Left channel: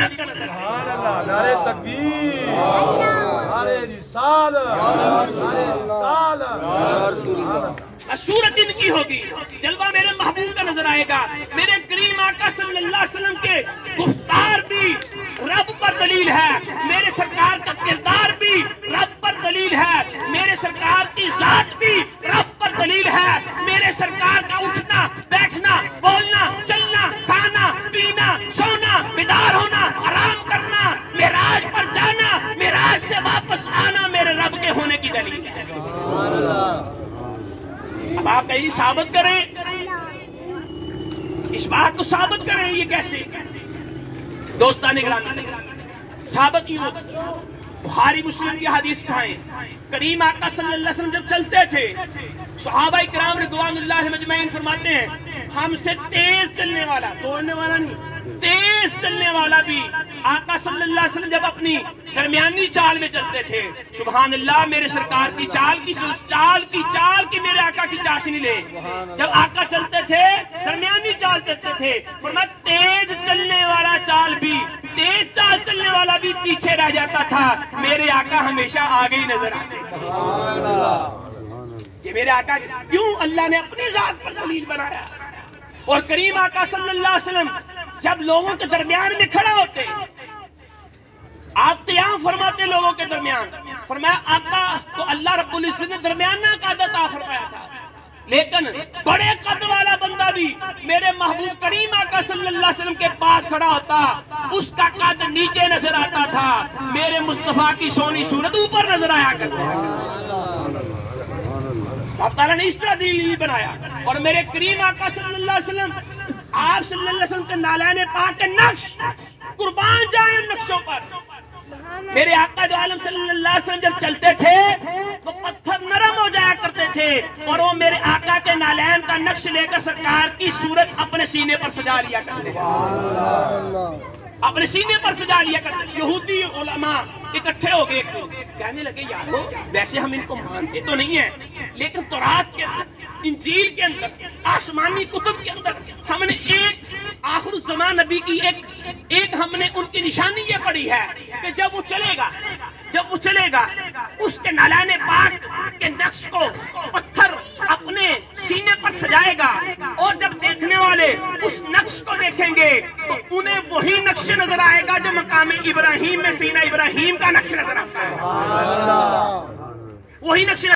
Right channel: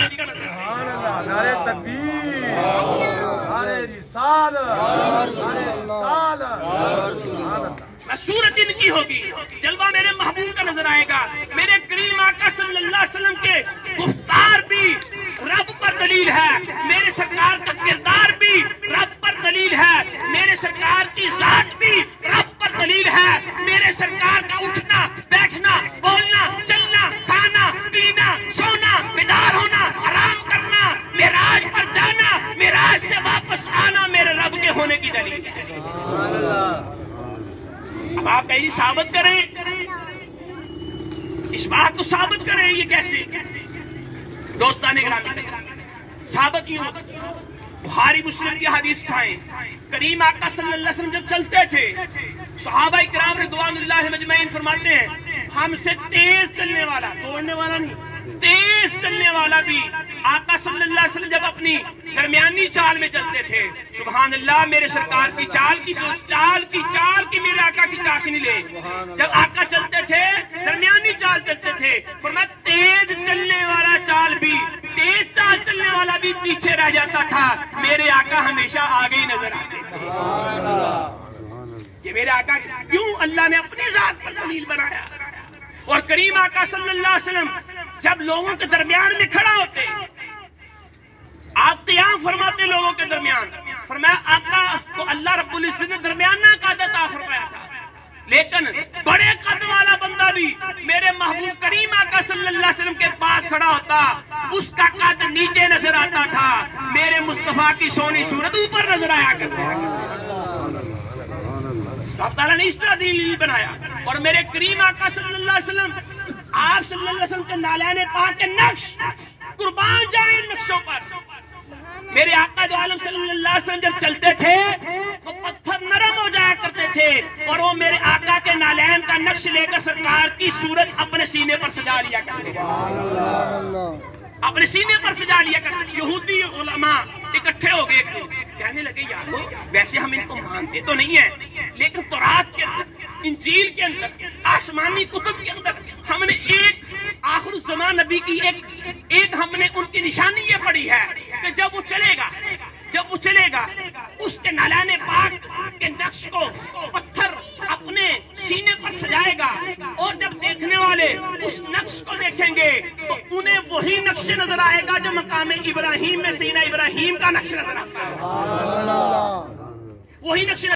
नारे तकबीर, नारे रिसालत। सूरत इनकी होगी, जलवा मेरे महबूब का नजर आएगा। मेरे करीम आका सल्लल्लाहु अलैहि वसल्लम के गुफ्तार भी रब पर दलील है, मेरे सरकार का किरदार भी रब पर दलील है, मेरे सरकार की जात भी रब पर दलील है, मेरे सरकार का उठना बैठना बोलना चलना खाना पीना सोना बेदार होना आराम करना मेराज पर जाना मेराज से वापस आना मेरे रब के होने की दलील है। अब आप कहीं साबित करें, इस बात को साबित करें, ये कैसे दोस्ताने ग्रामी साबित यूं बुखारी मुस्लिम की हदीस खाएं। करीम आका सल्लल्लाहु अलैहि वसल्लम जब चलते थे, सहाबाए किराम रिज़वानुल्लाह मजमईन फरमाते हैं, हमसे तेज चलने वाला, दौड़ने वाला नहीं, तेज चलने वाला भी आका सल्लल्लाहु अलैहि वसल्लम जब अपनी दरमियानी चाल में चलते थे, सुभान अल्लाह, मेरे सरकार की चाल की मेरे आका की चाशनी ले। जब आका चलते थे दरमियानी चाल चलते थे, फरमाया तेज चलने वाला चाल भी, तेज चाल चलने वाला भी पीछे रह जाता था, मेरे आका हमेशा आगे ही नजर आते थे। ये मेरे आका क्यों अल्लाह ने अपनी जात पर दलील बनाया। और करीम आका सल्लल्लाहु अलैहि वसल्लम जब लोगों के दरमियान में खड़ा होते, आप क़याम फरमाते लोगों के दरमियान, फरमाया आका को अल्लाह रब्बुल इज्जत ने दरमियाना कद अता फरमाया था, लेकिन बड़े कद वाला बंदा भी मेरे महबूब करीम आका सल्लल्लाहु अलैहि वसल्लम के पास खड़ा होता, उसका कद नीचे नजर आता था, मेरे मुस्तफा की सोनी सूरत ऊपर नजर आया करती। अल्लाह ताला ने इस तरह दलील बनाया। और मेरे करीम आका सल्लल्लाहु अलैहि वसल्लम, आप सल्लल्लाहु अलैहि वसल्लम के नालैन पाक के नक्श कुर्बान जाए नक्शों पर। मेरे आका दो आलम सल्लल्लाहु अलैहि वसल्लम जब चलते थे तो पत्थर नरम हो जाया करते थे, और वो मेरे आका के नालैन का नक्श लेकर सरकार की सूरत अपने सीने पर सजा लिया करते थे, अपने सीने पर सजा लिया करते थे। यहूदी उलमा इकट्ठे हो गए एक दिन, कहने लगे यारो वैसे हम इनको मानते तो नहीं है, लेकिन तौरात के अंदर इंजील के अंदर आसमानी कुतुब के अंदर हमने एक आखिर ज़मान नबी की एक हमने उनकी निशानी ये पड़ी है कि जब वो चलेगा उसके नालाने पाक के नक्श को पत्थर अपने सीने पर सजाएगा, और जब देखने वाले उस नक्श को देखेंगे तो उन्हें वही नक्श नजर आएगा जो मकाम इब्राहिम में सीना इब्राहिम का नक्श नजर आता है, वही नक्श।